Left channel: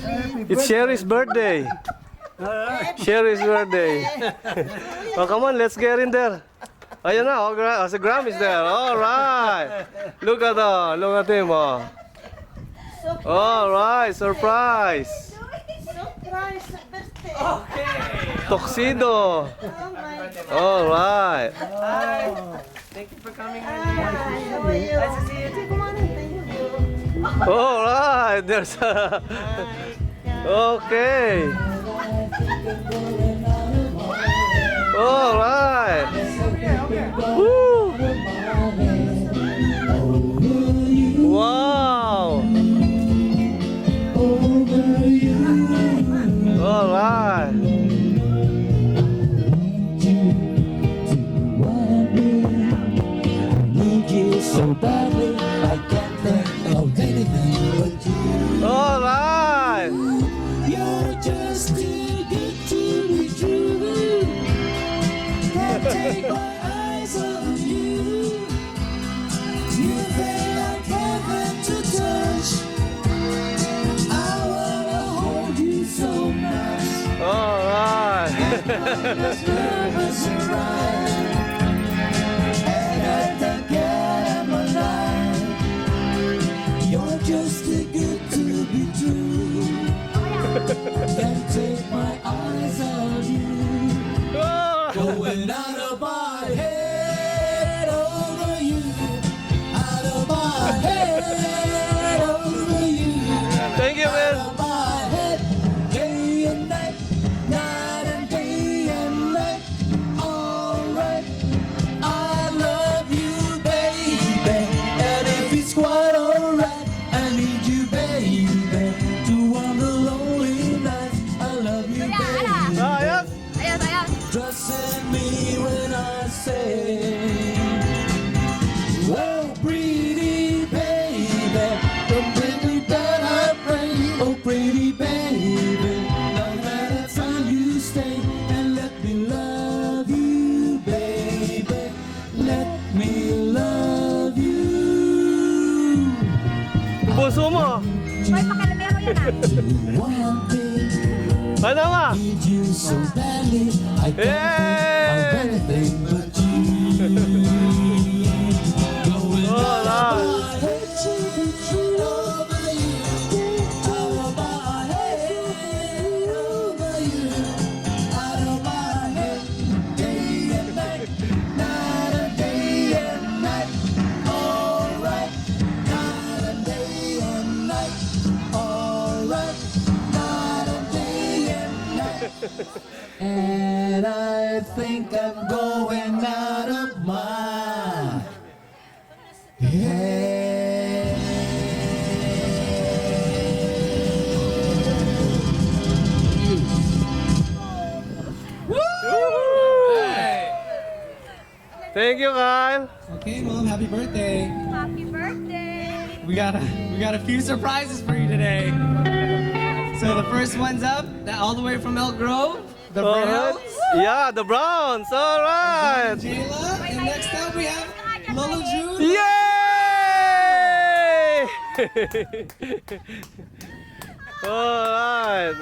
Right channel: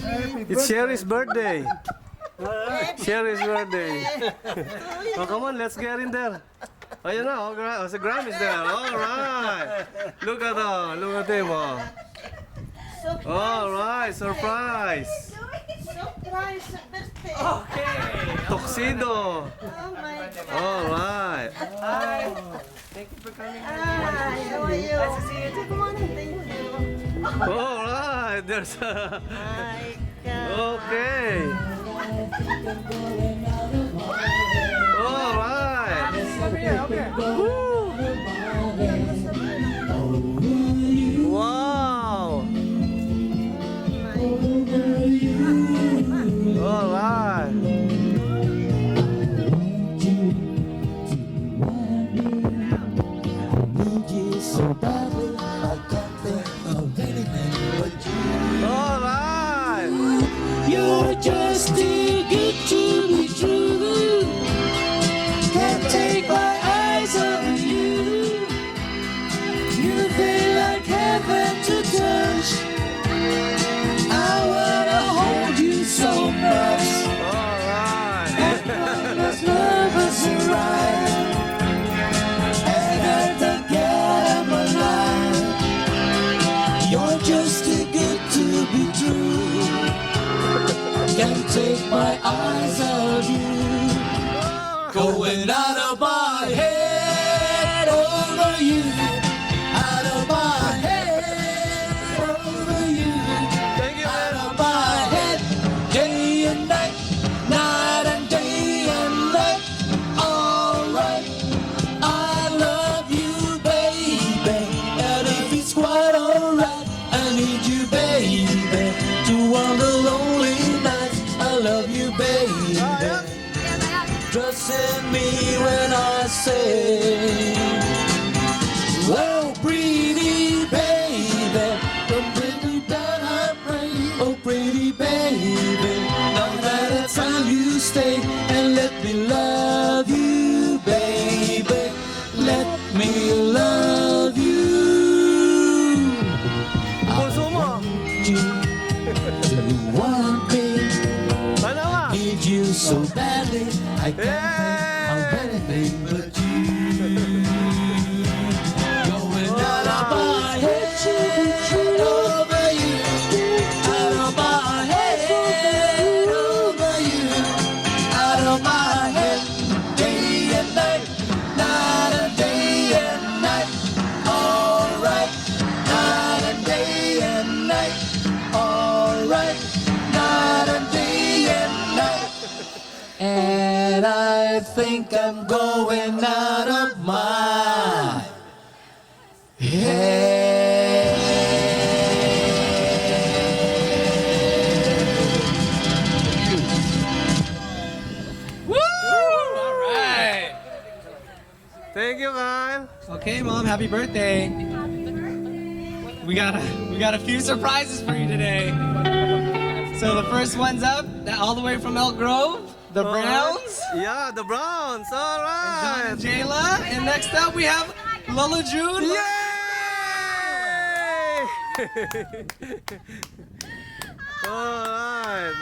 It's Sherry's birthday. Sherry's birthday. Oh, come on, let's get in there. Ayan na, si Graham is there. All right. Look at that. Look at him. All right, surprise. Surprise birthday. Okay. Tuxedo. Oh my God. All right. Hi. Thank you for coming. Hi, how are you? Nice to see you. Come on, thank you. All right. There's My God. okay. All right. Over here, over here. Woo. Wow. All right. All right. You're just too good to be true. Can't take my eyes off you. You feel like heaven to touch. I wanna hold you so much. All right. As love us right. And I don't get I'm alive. You're just too good to be true. Can't take my eyes off you. Going out of my head over you. Out of my head over you. Thank you, Out man. of my head, day and night, night and day and night. Alright, I love you, baby. And if it's quite alright, I need you, baby. To one the lonely nights, I love you, baby. Trust in me when I say, oh, pretty baby, don't bring me down, I pray. Oh, pretty baby, no matter time you stay, and let me love you, baby. Let me love you. Gusto mo? You want me, Ano nga? need you so badly. I can't think of anything but you. Going out of my head over you. Out of my head over you. Out of my head, day and night, night and day and night. Alright, night and day and night. Alright, night and day and night. And I think I'm going out of my head. Alright. Thank you, Kyle. Okay, Mom, happy birthday. Happy birthday! We got a few surprises for you today. So the first one's up, all the way from Elk Grove, the Browns, Yeah, the Browns. All Don right. and Jayla, and next up we have Lolo June. Yay! All right.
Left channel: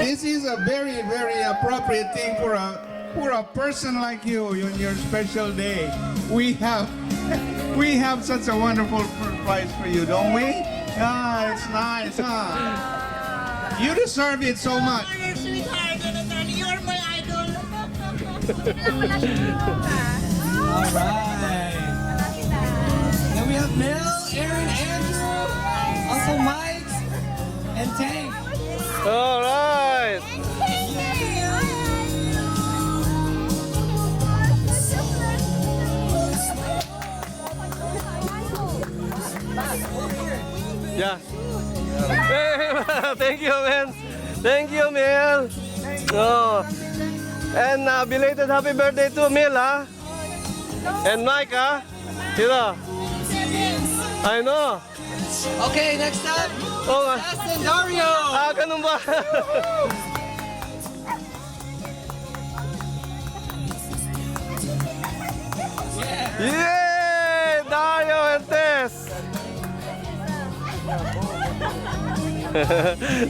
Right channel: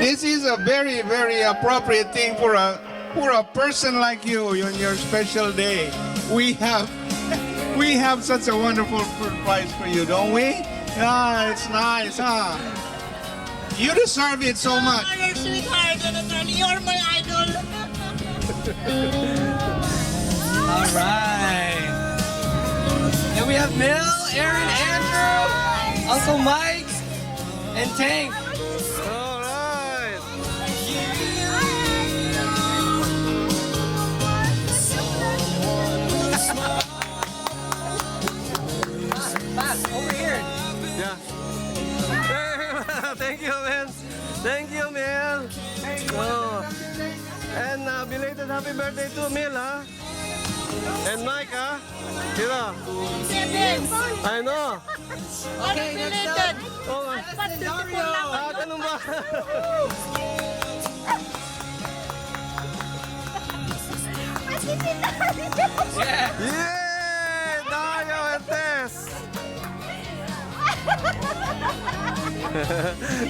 This is a very, very appropriate thing for a person like you on your special day. We have such a wonderful surprise for you, don't we? Ah, it's nice, huh? You deserve it so much. You're sweetheart, Jonathan. You're my idol. All right. Then we have Mel, Aaron, Andrew, Uncle Mike, and Tank. All right. Over here. Yeah. Thank you, man. Thank you, Mel. Oh. And belated happy birthday to Mel, ha? And Mike, ha? You know? I know. Okay, next up, Oh, Justin Dario. ganun ba? Yay! Dayo and Tess!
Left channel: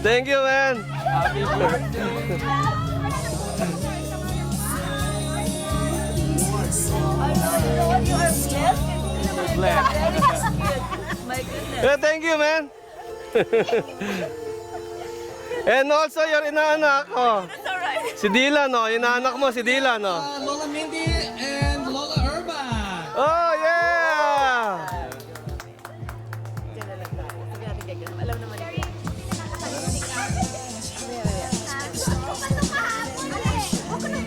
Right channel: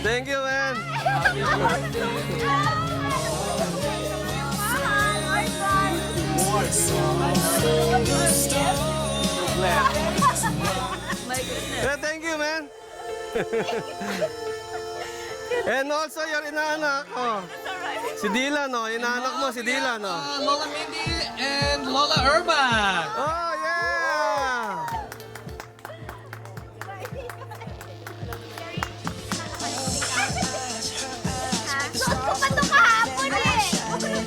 Thank you, man. My goodness. Yeah, thank you, man. And also, yung inaanak, oh. That's alright. Si Dylan, oh. Inaanak mo, si Dylan, oh. Lola Mindy and Lola Urba. Oh, yeah! Suot ko pa ito kahapon eh. Huwag ko nang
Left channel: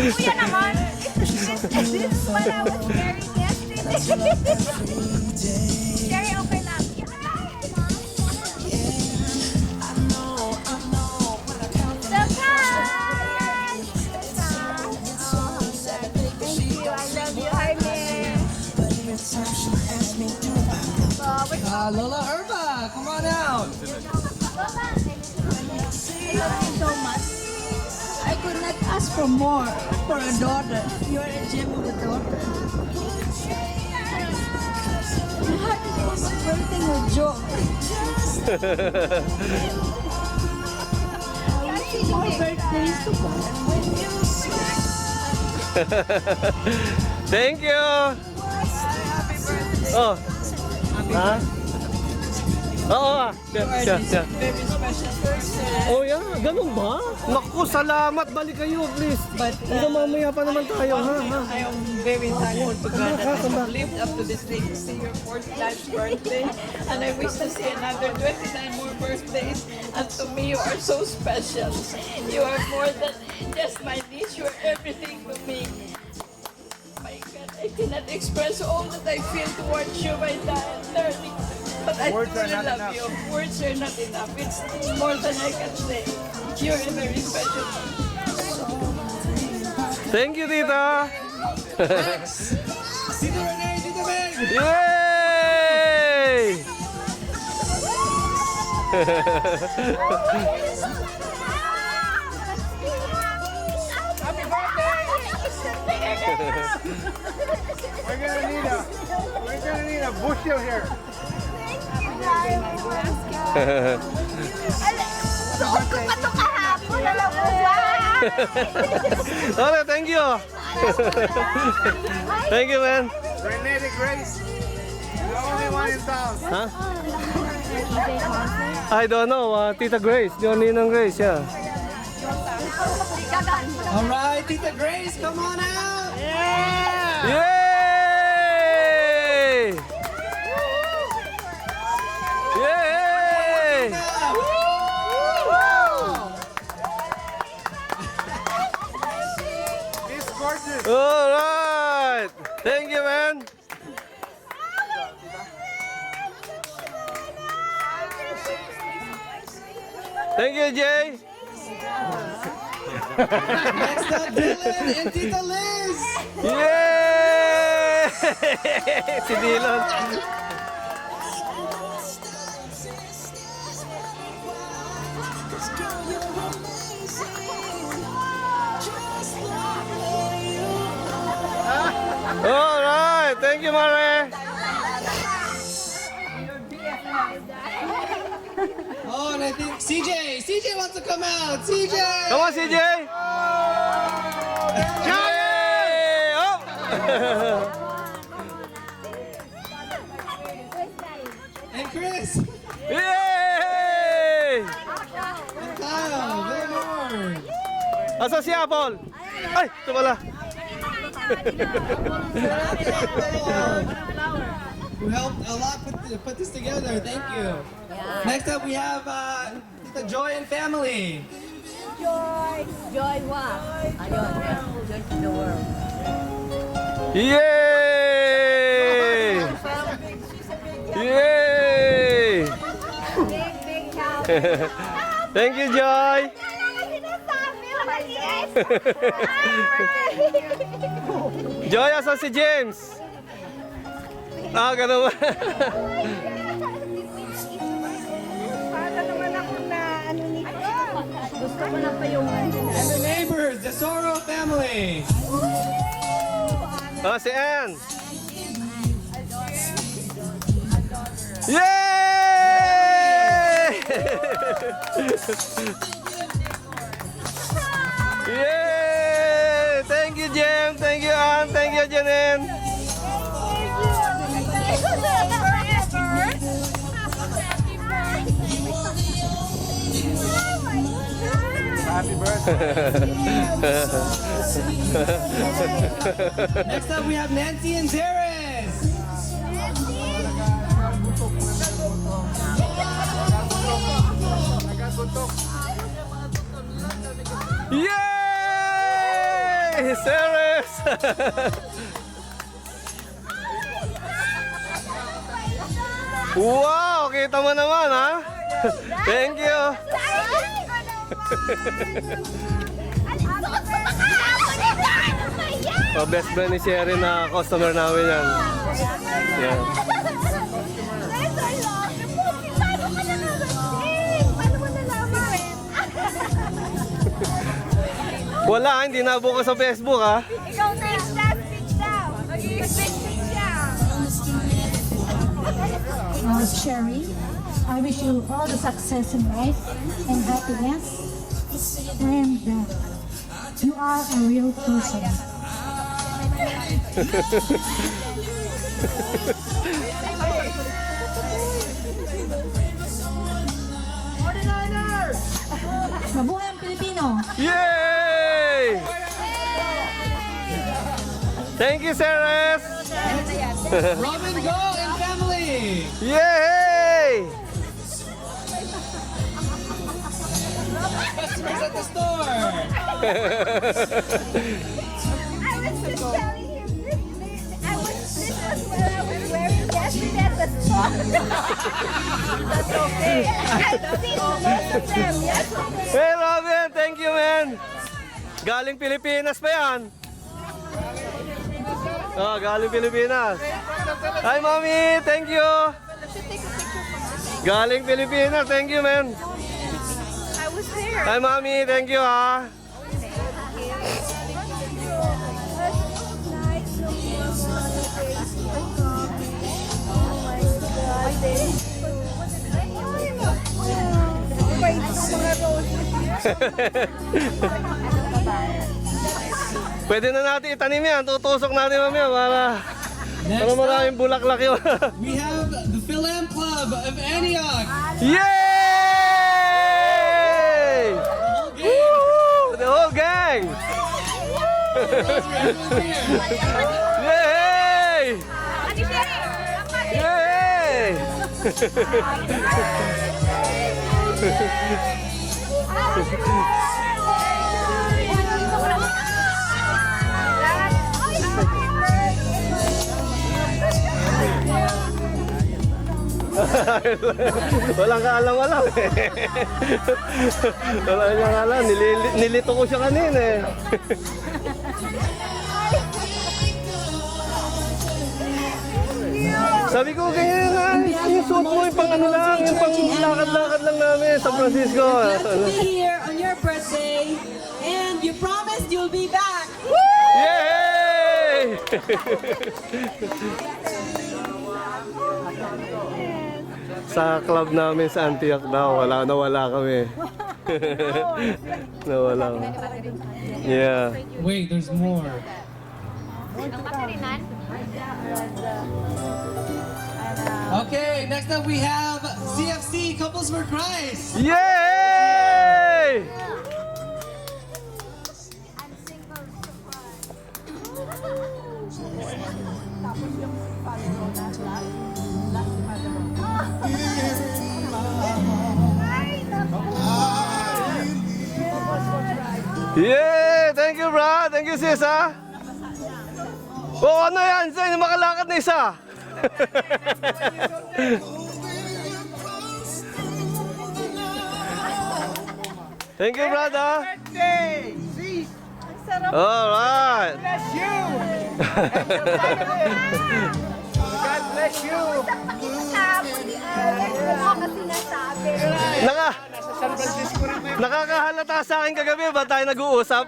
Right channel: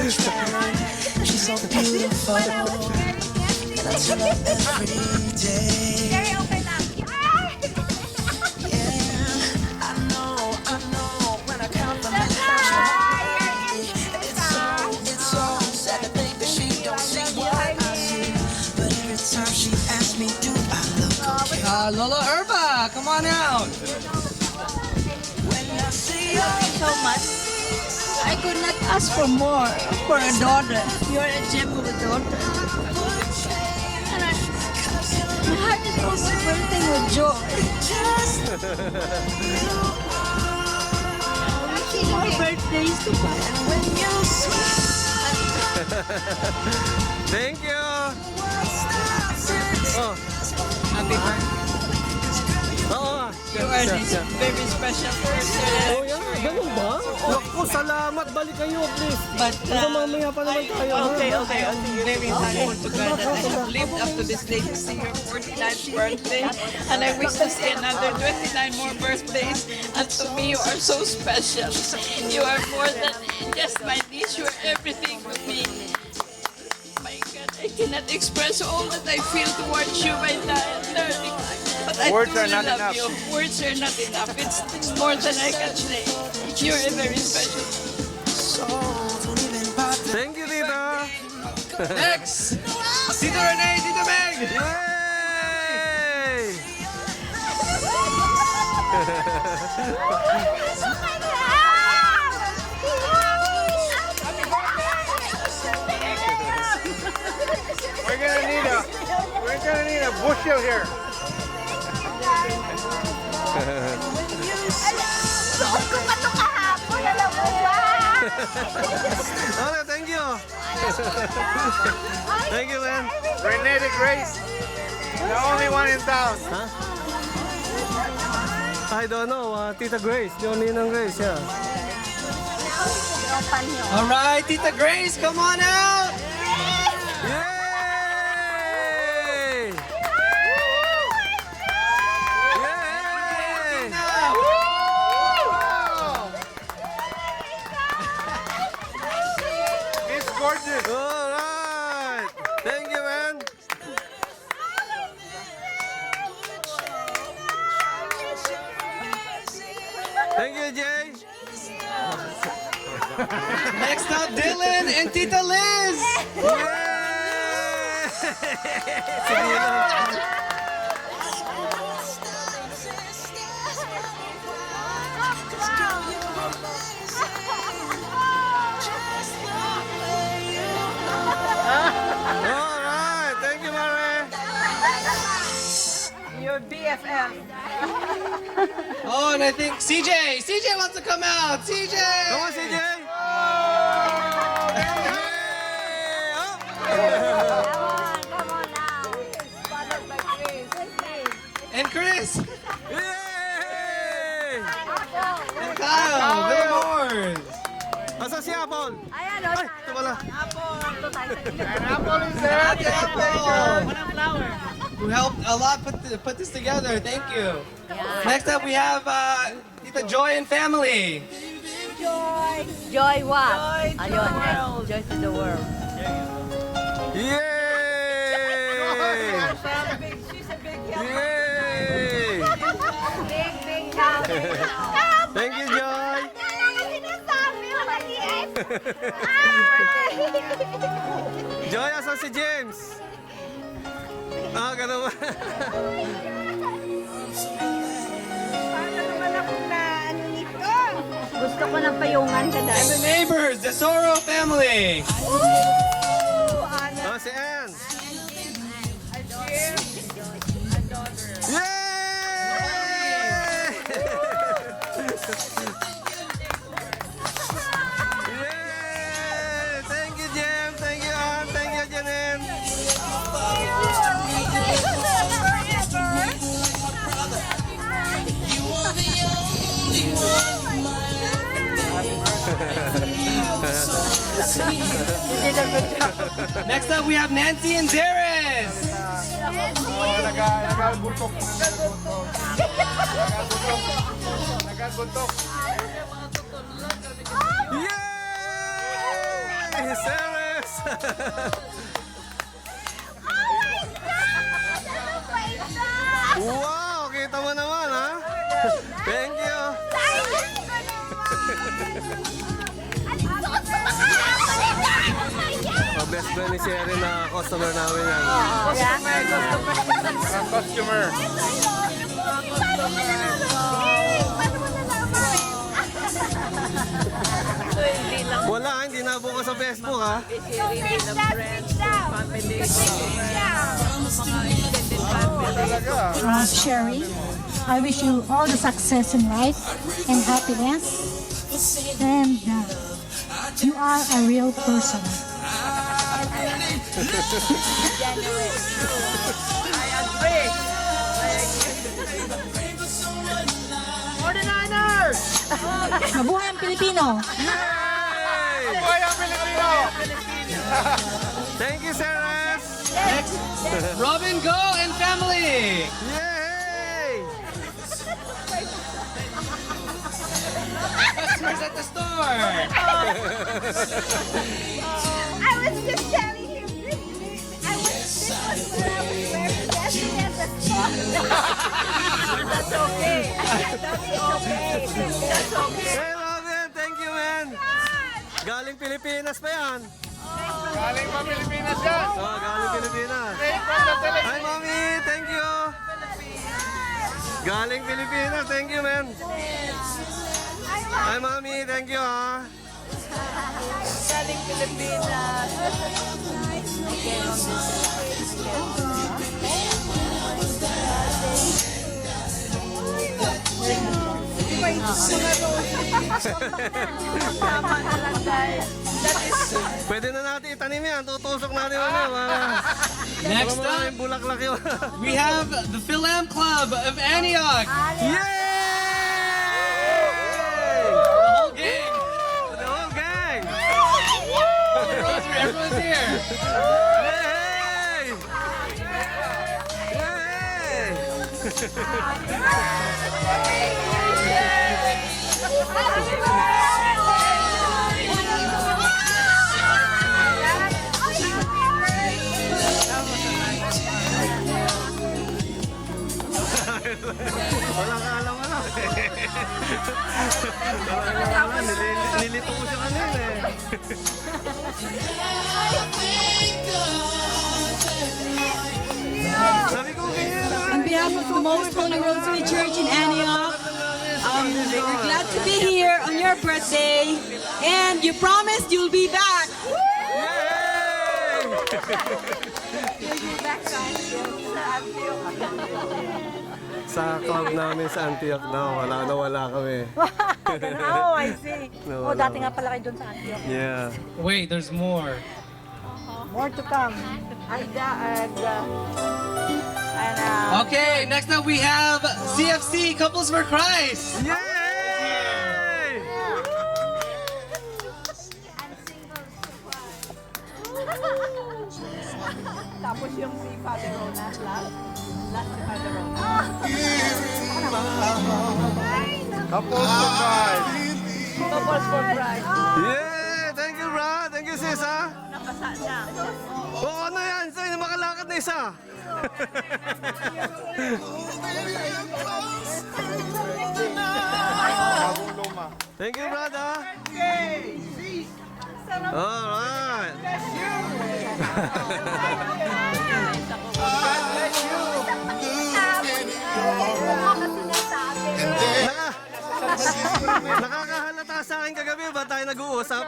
Kuya naman. When I was wearing it. Very okay lang. Lola Urba, come on out. So much. I could not ask for more for a daughter. You're a gem of a daughter. My heart is also bursting with joy. More birthdays to come. Thank you! Oh, Happy birthday. oo. You are this very special person. Oh, yan. Ganun ba? Naku, salamat. Balik kayo, please. But Baka mamaya pa naman tayo, one thing ha? I am very thankful to God that I have lived up to this day to see your 49th birthday. And I wish to see another 29 more birthdays. And to me, you are so special. You are more than just my niece. You are everything to me. My God, I cannot express all that I feel towards you by learning. But I Words are truly not love enough. you. Words are not enough. It's more than I can say. You're a very special. Thank you, Tita. Next, Tita Renee, Tita Meg. Yay! We're gonna need a bushel here. Suot ko pa ito kahapon. Alam mo ba? Okay, thank you. Thank you, man. Renee the Grace, the only one in town. I don't know, Tita Grace. Yung Ninang Grace, yeah. All right, Tita Grace, come on out. Yay! Yay! He's gorgeous. All right. Thank you, man. Thank you, Jay. Next up, Dylan and Tita Liz. Yay! Si Dylan. All right. Thank you, Mare. Your BFF. Oh, and I think CJ wants to come out. CJ. Come on, CJ. Yay! Oh! And Chris. Yay! And Kyle. Villamor. Asa si Apple? Ay, ito pala. Who helped a lot put this together. Thank you. Next up, we have Tita Joy and family. Joy. Joy what? Ayun. Joy to the world. Yay! Yay! Big house. Thank you, Joy. Sinasabi mo, maliit. Joy, asa si James? Ah, ganun ba? Paano naman ako na ano nito? Gusto ko ng payungan ka na. And the neighbors. members, the Soro family. Ah, si Ann. Yay! Yay! Thank you, Jem. Thank you, Ann. Thank you, Janine. Next up, we have Nancy and Darius. Yay! Ceres! Wow! Kita mo naman, ha? Thank you. Best friend ni Sherry na customer namin yan. Customer. Wala, hindi nabukas sa Facebook, ha? Ikaw next, last speech daw. Speech daw. Sherry, I wish you all the success in life and happiness. And you are a real person. Mabuhay ang Pilipino! Yay! Thank you, Ceres! Robin Go and family. Yay! Customers at the store. I was just telling him this was what I was wearing yesterday at the store. That's okay. That's okay. That's okay. Hey, Robin! Thank you, man! Galing Pilipinas pa yan. Galing pa Pilipinas yan. Oh, galing Pilipinas. Hi, Mommy! Thank you! Galing Pilipinas. Thank you, man. Hi, Mommy! Thank you, ha? Pwede na natin itanim yan. Tutusok natin ano. Next up, Maraming bulaklak yun. we have the Philam Club of Antioch. Yay! The whole gang. The whole gang! Everyone's here. Yay! Yay! Walang kaalam-alam. Walang kaalam. Nilito ko siya kanina eh. Sabi ko ganyan. On behalf of the Most Holy Rosary Church in Antioch, we're glad to be here on your birthday, and you promised you'll be back. Yay! Sa club namin sa Antioch daw, wala kami. Oh, I see. So, Oh, dati nga pala kayo dun sa Antioch. yeah. Wait, there's more. More to come. Okay, next up we have CFC Couples for Christ. Yay! Yeah! Thank you, bro. Thank you, sis, ha? Oh, ano yan? Sa'yo, makalakad na isa. Thank you, brother. Birthday! See? All right. Bless you! God bless you! Tapos, kasi nasabi. Naka nakakahalata sa akin kagabi, ba tayo nag-uusap?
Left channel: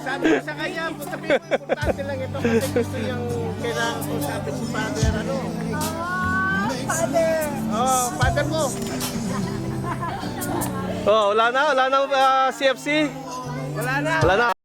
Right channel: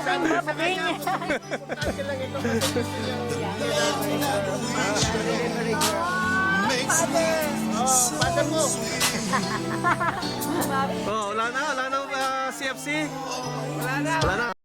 Sabi ko sa kanya, importante lang ito kasi gusto niyang kailangan ko sa ating pangalan. Father. Oh, father ko. Oh, wala na CFC? Wala na. Wala na.